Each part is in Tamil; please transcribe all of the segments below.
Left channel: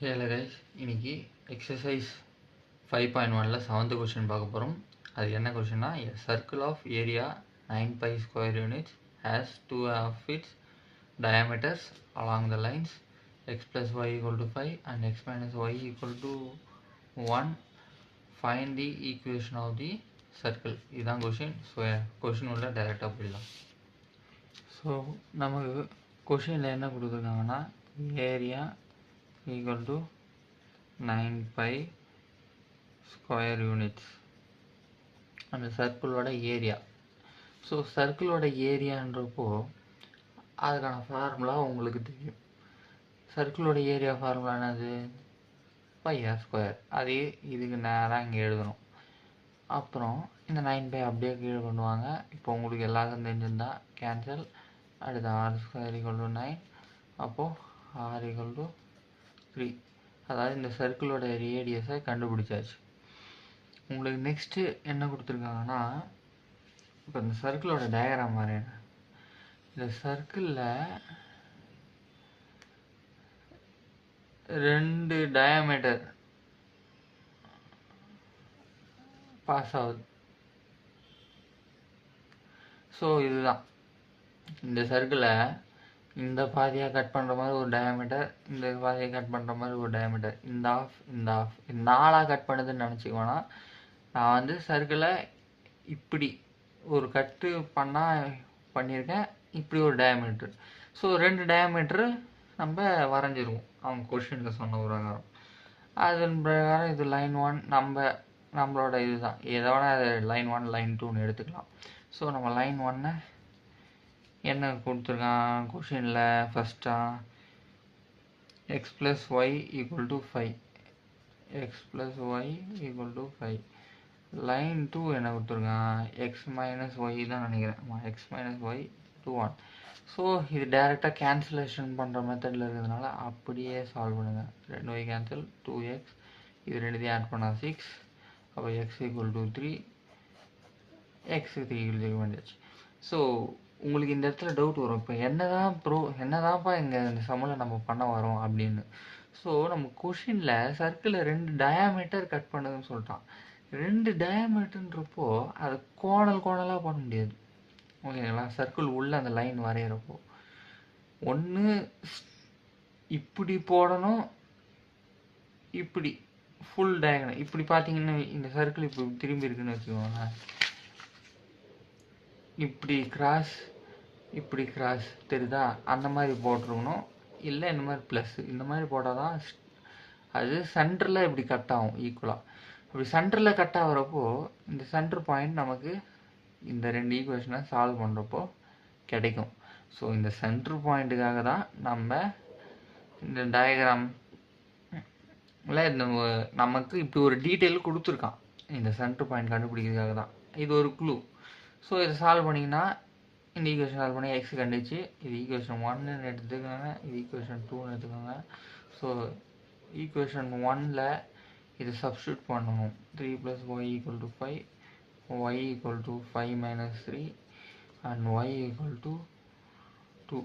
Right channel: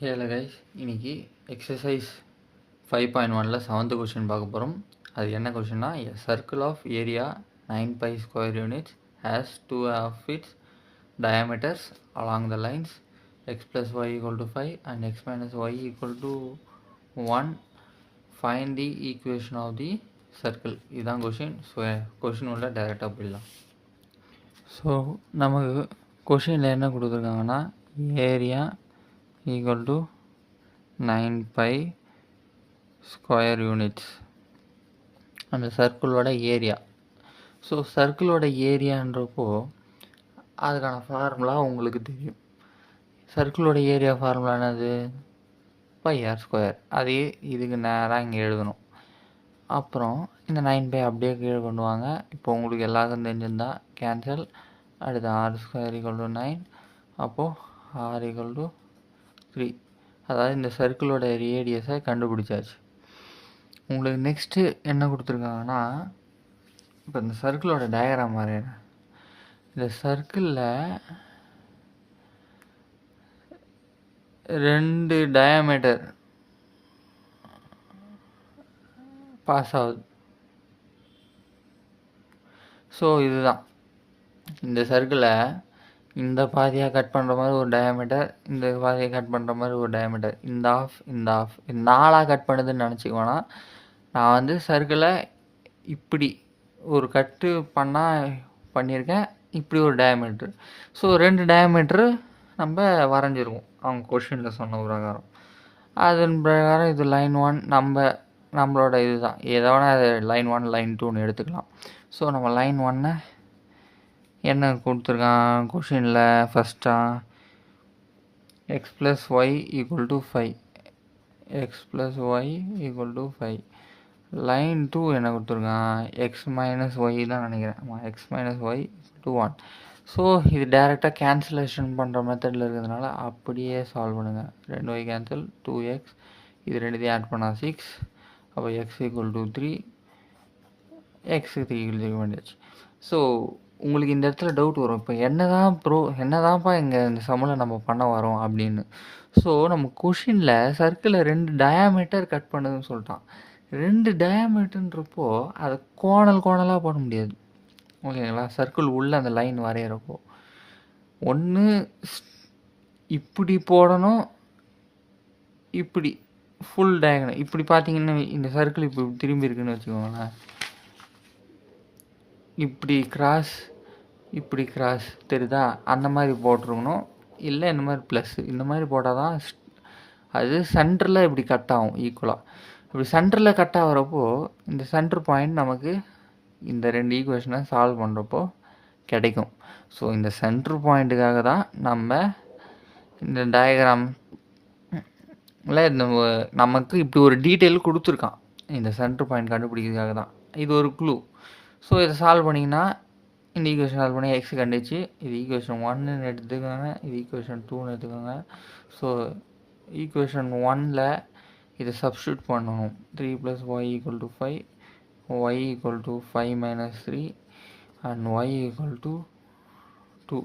ஹலோ கைஸ், இன்னைக்கு எக்ஸசைஸ் 5.1ல் 7th கொஷின் பார்க்க போகிறோம். அது என்ன கொஷின்னா, a circle of area 9 pi square units has 2 of its diameters along the lines x plus y equal to 5 and x minus y equal to 1. Find the equation of the circle. இதுதான் கொஷின். ஸோ கொஷின் உள்ள டைரெக்டாக போயிடலாம். ஸோ நமக்கு கொஷினில் என்ன கொடுத்துருக்காங்கன்னா, area equal to 9 pi square units அந்த சர்க்கிளோட ஏரியா. ஸோ சர்க்கிளோட ஏரியான்றப்போ அதுக்கான ஃபார்முலா உங்களுக்கு தெரியும். சர்க்கிளோட ஏரியா ஃபார்முலா என்னது? Pi r square. அதே இதுக்கு நேராக இங்கே எழுதணும். அப்புறம் இந்த 9 பை அப்படியே கீழே கொண்டு வாங்க. இப்போ உங்களுக்கு எல்லாருக்கும் தெரிஞ்சிருந்தா கேன்சல். அடுத்து ஆர் ஸ்கொயர் ஈக்குவல் டு 9. அப்போது ஆர் ஈக்குவல் டு 3. அதாவது இந்த சர்க்கிளோட ரேடியஸை கண்டுபிடிச்சாச்சு. உங்களுக்கு நெக்ஸ்ட்டு என்ன கொடுத்துருக்காங்கன்னா, இப்போ இந்த சர்க்கிளோட டயக்ராம் மாதிரி இந்த சர்க்கிளில் 2 டயாமீட்டர் பாஸ் ஆகுது. ஸோ இதுதான் இந்த சர்க்கிளை இந்த பாதியாக கட் பண்ணுற மாதிரி ஒரு டயாமீட்டர், இந்த பாதியை கட் பண்ணுற மாதிரி ஒரு டயாமீட்டர், இந்த ஆஃப் இந்த ஆஃப், இந்த 4ஆக கட் பண்ணுதுன்னு நினச்சிக்கோனா, நான் வந்து சர்க்கிளை இப்படி ஒரு கட்டு பண்ணியிருக்கேன். இப்படி ஒரு டயாமீட்ரு. ஸோ 2 டயாமீட்ரு நம்ம வரைஞ்சிருவோம் அவங்க கொஷினில் சொன்ன பிரகாரம். அதன் பிரகாரம் இது லைன் 1 நம்மளோட இது தான். எதை வேணால் அது லைன் 1 லைன் 2ன்னு எடுத்துக்கலாம். ஸோ நம்ம லைன் 1 என்ன கொடுத்துருக்கான் கொஷினில்? ஃபஸ்ட்டாக x plus y equal to 5, x plus y equal to 5. Line 2 என்ன கொடுத்துருக்கான்? எக்ஸ் மைனஸ் ஒய் தான் நினைக்கிறேன். X minus y to 1. So இது டேரெக்டாக கேன்சலேஷன் பண்ணுற மெத்தடில் இருக்கிறதுனால அப்படியே சால்வ் பண்ணுங்கள். 2y கேன்சல், 2x, இது ரெண்டுத்தையும் ஆட் பண்ணால் 6. அப்போ எக்ஸ் ஈக்குவல் டு 3, எக்ஸுக்கு 3 ஈக்குவல் பண்ணியாச்சு. ஸோ உங்களுக்கு இந்த இடத்துல டவுட் வரும், இப்போ என்னதான்ப்பா இங்கே இந்த சம்மில் நம்ம பண்ண வரோம் அப்படின்னு. ஸோ நம்ம கொஷினில் சர்க்கிளில் 2 டயாமீட்டர் கட் பண்ணுதுன்னு சொல்லிட்டான். 2 டயாமீட்டர்ன்றப்போ அதை கோணலாக போட முடியாது, ஓகேங்களா? சர்க்கிள் உள்ள அந்த லைன் வரைகிறப்போ ஒன்று இப்படி போடணும், இப்படி ஃபுல் டயகனல். இப்படி பார்த்தீங்கன்னா இந்த சர்க்கிள் இப்போ திரும்பி இருக்குன்னு வச்சுக்கோங்களேன். இப்படி கிராஸ் தெரியுதா? அந்த மாதிரி போட்டிருக்கணும். இல்லை இந்த மாதிரி ப்ளஸ், இந்த மாதிரி போட்டால் தான் அது சென்டரில் இப்படி கட் ஆகும் ஈக்குவலாக. இப்படி சென்டரில் கட் ஆகிறப்போ இந்த சென்டர் பாயிண்ட் நமக்கு இந்த 2 ஈக்குவேஷனை சால்வ் பண்ணுறப்போ கிடைக்கும். ஸோ இந்த சென்டர் பாயிண்ட்டுக்காக தான் நம்ம இந்த டயக்ராமில் நமக்கு இப்படி ஒரு டீட்டெயில் கொடுத்துருக்கான். இந்த சென்டர் பாயிண்ட் கண்டுபிடிக்கிறதுக்காக தான் இது ஒரு க்ளூ. ஸோ இதை சால்வ் பண்ணிங்கன்னா இந்த ஈக்குவேஷன் சால்வ் பண்ணி எக்ஸ் கண்டுச்சு. இது ஈக்குவேஷன் 1ன்னு எடுத்துக்கோங்க, இது ஈக்குவேஷன் 2ன்னு எடுத்துக்கோங்க. ஸோ ஈக்குவேஷன் 1ல் இதை சப்ஸ்டியூட் பண்ணணும். 3 + y = 5, y = 5 - 3 and y = 2.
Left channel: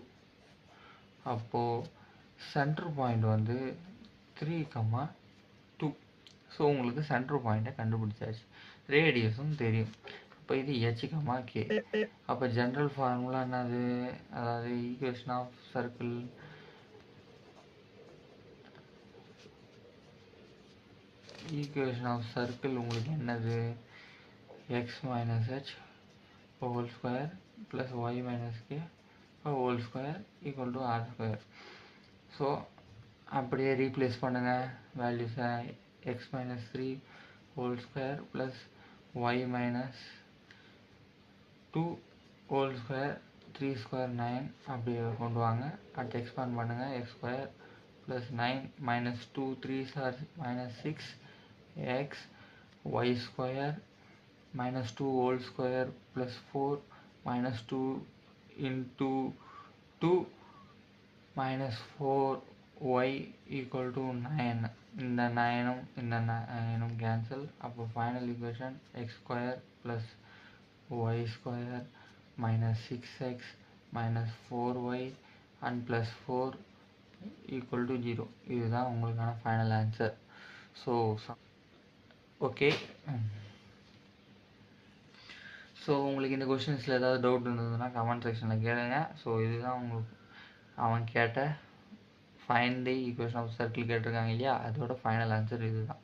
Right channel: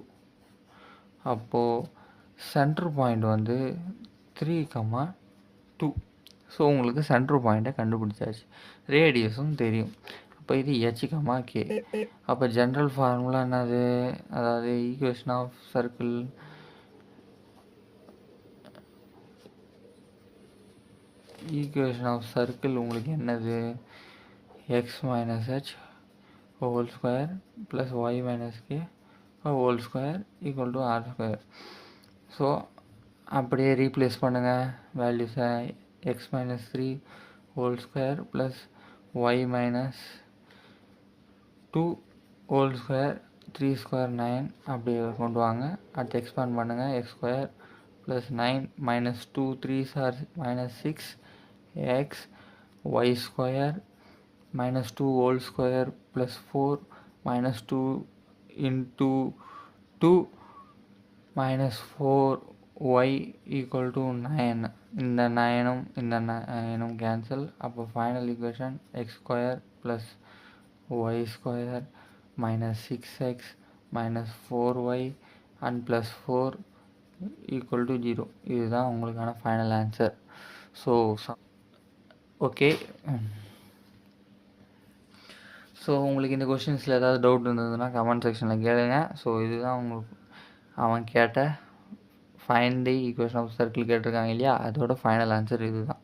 அப்போது சென்டர் பாயிண்ட் வந்து 3,2. ஸோ உங்களுக்கு சென்டர் பாயிண்ட்டை கண்டுபிடிச்சாச்சு. ரேடியஸும் தெரியும். இப்போ இது h, k. அப்போ ஜென்ரல் ஃபார்முலா என்னது? அதாவது ஈக்குவேஷன் ஆஃப் சர்க்கிள் உங்களுக்கு என்னது? x - h whole square plus y - k whole square equal to r². So அப்படியே ரீப்ளேஸ் பண்ணுங்கள் வேல்யூஸை. x - 3 whole square plus y - 2 whole square, 3 square 9 அப்படியே கொண்டு வாங்க. அடுத்து எக்ஸ்பேண்ட் பண்ணுங்கள். x² plus 9 minus 2 3s are -6 x, y² minus 2 whole square plus 4 minus 2 into 2 minus 4y equal to 9. இந்த 9ம் கேன்சல். அப்போ final equation x² plus y² minus 6x minus 4y and plus 4 equal to 0. இதுதான் உங்களுக்கான final answer. So okay. So உங்களுக்கு இந்த கொஷின்ஸில் ஏதாவது டவுட் இருந்ததுன்னா கமெண்ட் செக்ஷனில் கேளுங்க. ஸோ இதுதான் உங்களுக்கு அவன் கேட்ட find the equation of circle கேட்டிருக்காங்க இல்லையா, அதோட ஃபைனல் ஆன்சர் இதுதான்.